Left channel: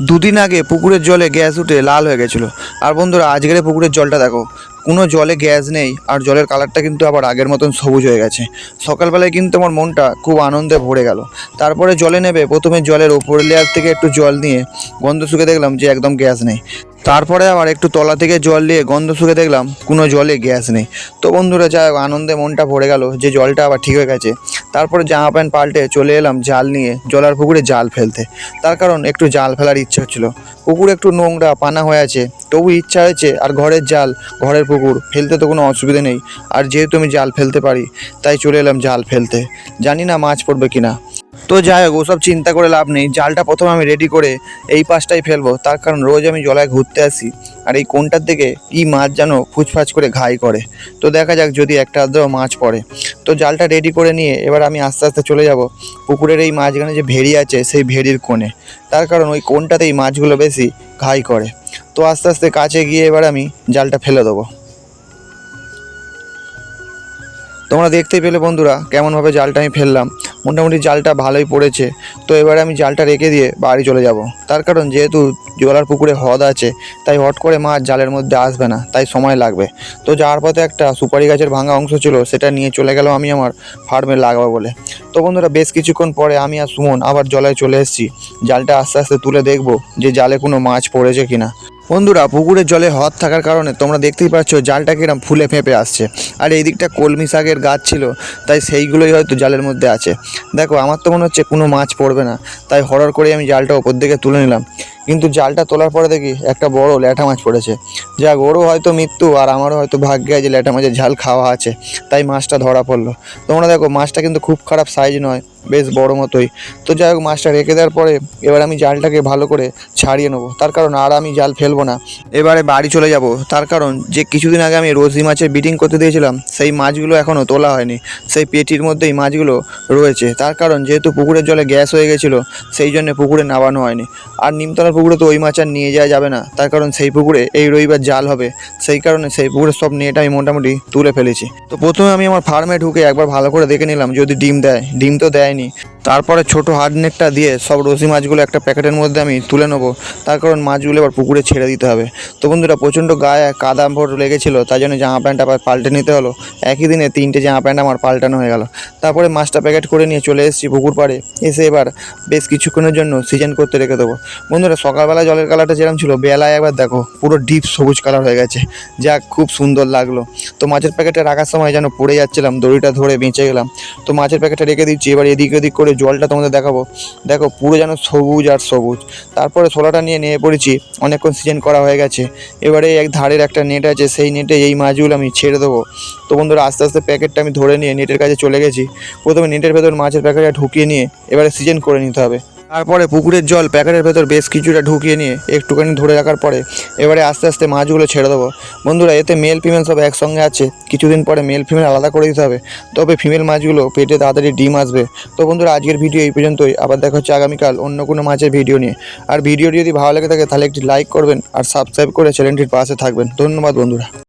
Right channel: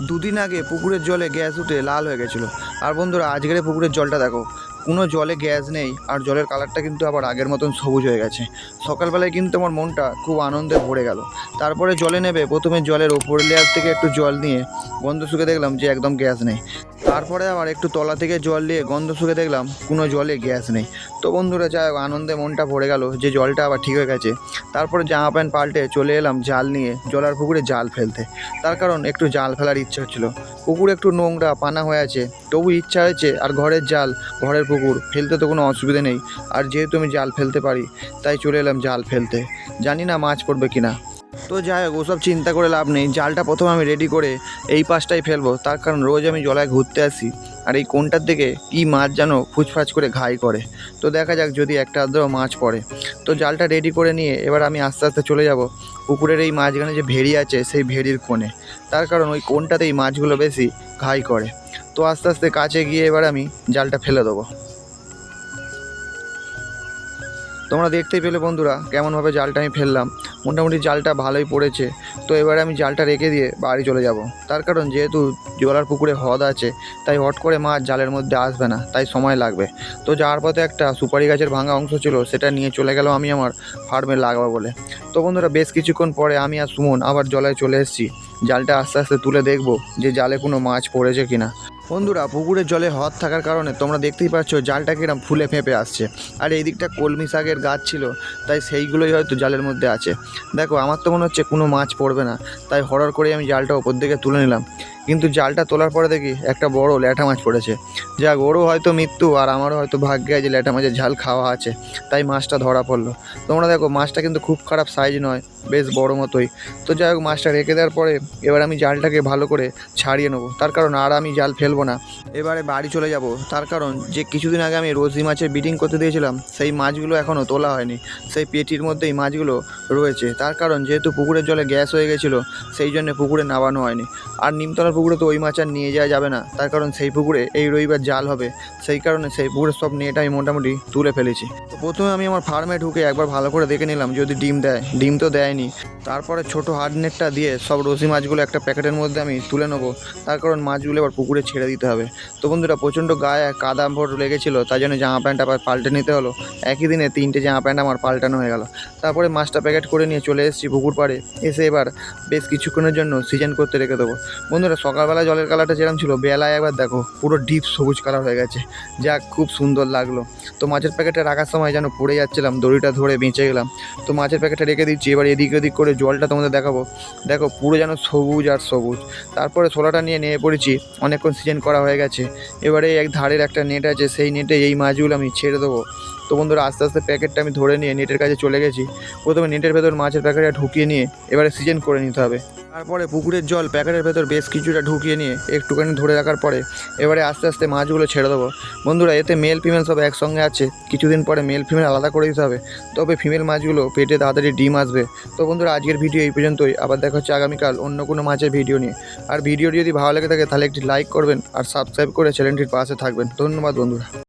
দুদিন আগে পুকুরের জলে গ্যাস উঠে লাল হয়ে গেছিলো। আর বন্ধুরা, আজকের পুকুরের জলটা দেখো, কোনো জলে গ্যাস নেই, আর জলের কালারটা কিন্তু আবার আগের মতন সবুজ হয়ে গেছে। সকালবেলায় কিন্তু আমার মনটা খুব আনন্দে ভরে গেল। তারপরে জলে নেবে প্রথমে জলের ওপর লেয়ার থেকে একটু জল নিয়ে গন্ধ শুকে দেখলাম যে একদম গ্যাস নেই। তারপরে আবার একটু তলা থেকে জল নিয়ে গন্ধ শুকে দেখলাম কোনো জলে গ্যাস নেই। তো বন্ধুরা, যাই হোক, আনন্দে মনটা ভরে গেল যে জলটা আবার ঠিক হয়ে গেছে। তারপরে জামা প্যান্ট পাল্টে চলে এলাম জাল নিয়ে জলার পুকুরে জাল ফেলতে। তার কারণ একটু জাল ফেলার ইচ্ছা হচ্ছিলো। পুকুর একটু নোংরা পানা হয়ে আছে, তবু ইচ্ছা হয়েছে। আর ঘরের জাল, ঘরের পুকুর, ফেলতে তো কোনো অসুবিধা নেই। আর যেহেতু আমি জাল ফেলতে পারি, তাই চলে এলাম জাল ফেলতে। জানি না মাছ পড়বে কিনা। তো যাই হোক, ওসব চিন্তা করে লাভ নেই। জালটা প্রথমে আমি রেডি করে এই পাশটাই ফেলবো, তার কারণ রোজ আমি জলায় ঘুরতে আসি, আর এই কোণটার দিকে কী মাছ যেন ফুচফাচ করে ঘাই করে। তো দেখা যাক যদি একটা আধটাও মাছ পড়ে। তো জালটা রেডি করে নিয়ে এবার আমি আস্তে আস্তে চলে যাব পুকুরের এই মাঝখানে যে ভেড়ি আছে সেই ভেড়ির কোণে। তার কারণ ওই কোণটাতেই মাছগুলো বেশি ঘাই করে। তো আস্তে আস্তে কাছে গিয়ে এবার আমি জালটা ফেলে দেবো। তোমরা দেখতেই পেলে বন্ধুরা কেমনভাবে জালটা আমি ফেললাম। মোটামুটি জালটা ভালোই পড়েছে। তো এবার আমি জালটা রেখে দিয়ে বাড়ি চলে যাব। তার কারণ যেহেতু জলার পুকুরে হ্রদ আছে, তাই হট করে মাছ জালের মধ্যে আসবে না, তাই সময় লাগবে। তো যাওয়ার পথে একটা সুপারি গাছের ভাঙা অংশ ছিল, সেটা নিয়ে চলে গেলাম আমি আমার ফার্মে লাগাবো বলে। তো বন্ধুরা, বেশ কিছুক্ষণ পরে আমি আর সুমন আবার জলায় চলে এসেছি। জালটা আস্তে আস্তে তুলে দেখবো যে জালে কোনো মাছ পড়েছে কিনা। বন্ধুরা, পুকুরের জলে হ্রদ থাকার কারণে তোমরা দেখতেই পাচ্ছ জালটা কিরম ফুলে ফেঁপে আসছে। আর এই দিকটা কলমি শাকের গাছ ছিল, তাই সেইগুলোই হয়তো জালের মধ্যে আছে। দেখো, আমার তো মনে হচ্ছে কোনো মাছ পড়বে না, তাই হরর করে আমি জালটা ওপর দিকে তুলে নিলাম। কিন্তু জালটা তোলার পরে দেখি একটা বড় ল্যাঠা মাছ পড়েছে। যাক, ওরও হয়তো মৃত্যু, আর আমারও হয়তো ভাগ্যে আছে ল্যাঠা মাছের ঝাল খাওয়া আছে, তাই মাছটা ধরা পড়লো। তোমরা দেখো, মাছটা কিন্তু খুব খারাপ সাইজ নয়, বেশ বড় মতোই। তো যাই হোক, মাছটা রেখে দেওয়ার পরে এবার আমি জালটাকে ভালো করে ছাড়িয়ে নেবো। তার কারণ আর আমি জাল ফেলবো না, এবারে বাড়ি চলে যাব। তার কারণ যে কিছুদিন আগে আমি রোজি মাছের ব্রিডিং করতে দিয়েছিলাম, সেই মাছগুলো এখনও তোলা হয়নি। সেই পেটির মধ্যেই মাছগুলো রয়েছে। তার কারণ যেহেতু পুকুরের জলে গ্যাস হয়ে গেছিলো, সেই জন্য পুকুরে নামানো হয়নি। আর নিমতলার পুকুরে তো ওই মাছ আর নিয়ে যাওয়া যাবে না, তার কারণ সেই পুকুরে এই রবিবার জাল হবে। সেই কারণে সেই পুকুরের সব নেট আমি মোটামুটি তুলে ফেলেছি। তো প্রথমে আমি আমার ফার্মে ঢুকে একবার ভালো করে দেখে নিলাম যদি ডিম দেয়। ডিম তো দেয়নি। তারপরে ছোটো হার্ড নেটটা দিয়ে সব রসি মাছগুলো একটা প্যাকেটের মধ্যে আমি তুলে নেবো, তার কারণ মাছগুলো এবার পুকুরে ছেড়ে দিতে হবে। তো বন্ধুরা, প্রচণ্ড গায়ে কাদা ভোর লেগেছিলো, তাই জন্য জামা প্যান্ট আবার পাল্টে নিতে হলো। একই দিনে 3টে জামা প্যান্ট আমার পাল্টানো হয়ে গেল। তারপরে মাছটা প্যাকেট করে নিয়ে চলে এসেছি পুকুর পাড়ে। এসে এবার বেশ কিছুক্ষণের জন্য সিজন করতে রেখে দেবো। বন্ধুরা, সকালবেলা জলের কালারটা যেরকম ছিল, বেলায় একবার দেখো পুরো ডিপ সবুজ কালার হয়ে গেছে। যাক, খুব সুন্দর লাগলো। তো মাছের প্যাকেটটা রাখার সময় যেন পড়ে যাচ্ছিলাম, দড়িটা ধরে বেঁচে গেলাম। তো মাছের প্যাকেটটা রেখে দিচ্ছি। এবার এদিক ওদিক করে জলটা তোমাদের দেখাবো। দেখো, পুরো যেন সবুজ আর সবুজ। তারপরে ছোলাটা নিয়ে নেমে পড়েছি। অনেকক্ষণ সিজন করা হয়ে গেছে। এবারে এক ধারের একটা নেট আছে, সেই নেটে এই মাছগুলো আমি ছেড়ে দেবো। তো বন্ধুরা, আস্তে আস্তে প্যাকেটটা আমি ধরে নিয়ে নেটের কাছে চলে গেছি। প্রথমে নেটের ভেতর মাছের প্যাকেটটা ঢুকিয়ে নিয়ে এবারে সিজন করে নিতে হবে। তারপরে পুকুরের জল প্যাকেটের ভেতর বেশ কিছুটা ঢুকিয়ে নিয়ে একটুখানি ধরে রাখার পরে এবারে আস্তে আস্তে মাছগুলো ছেড়ে দেবো। বন্ধুরা, এতে মেল ফিমেল সব একসঙ্গে আছে। কিছুদিন পরে মেল ফিমেল আলাদা করে দিতে হবে, তবে ফিমেল মাছগুলো পেটে তাড়াতাড়ি ডিম আসবে। তো বন্ধুরা, আজকের ভিডিও এই পর্যন্তই। আবার দেখা হচ্ছে আগামীকাল অন্য কোনো মাছের ভিডিও নিয়ে। আর ভিডিওটি যদি ভালো লেগে থাকে তাহলে একটি লাইক করবেন, আর সাবস্ক্রাইব করে চ্যানেলটির পাশে থাকবেন। ধন্যবাদ বন্ধুরা।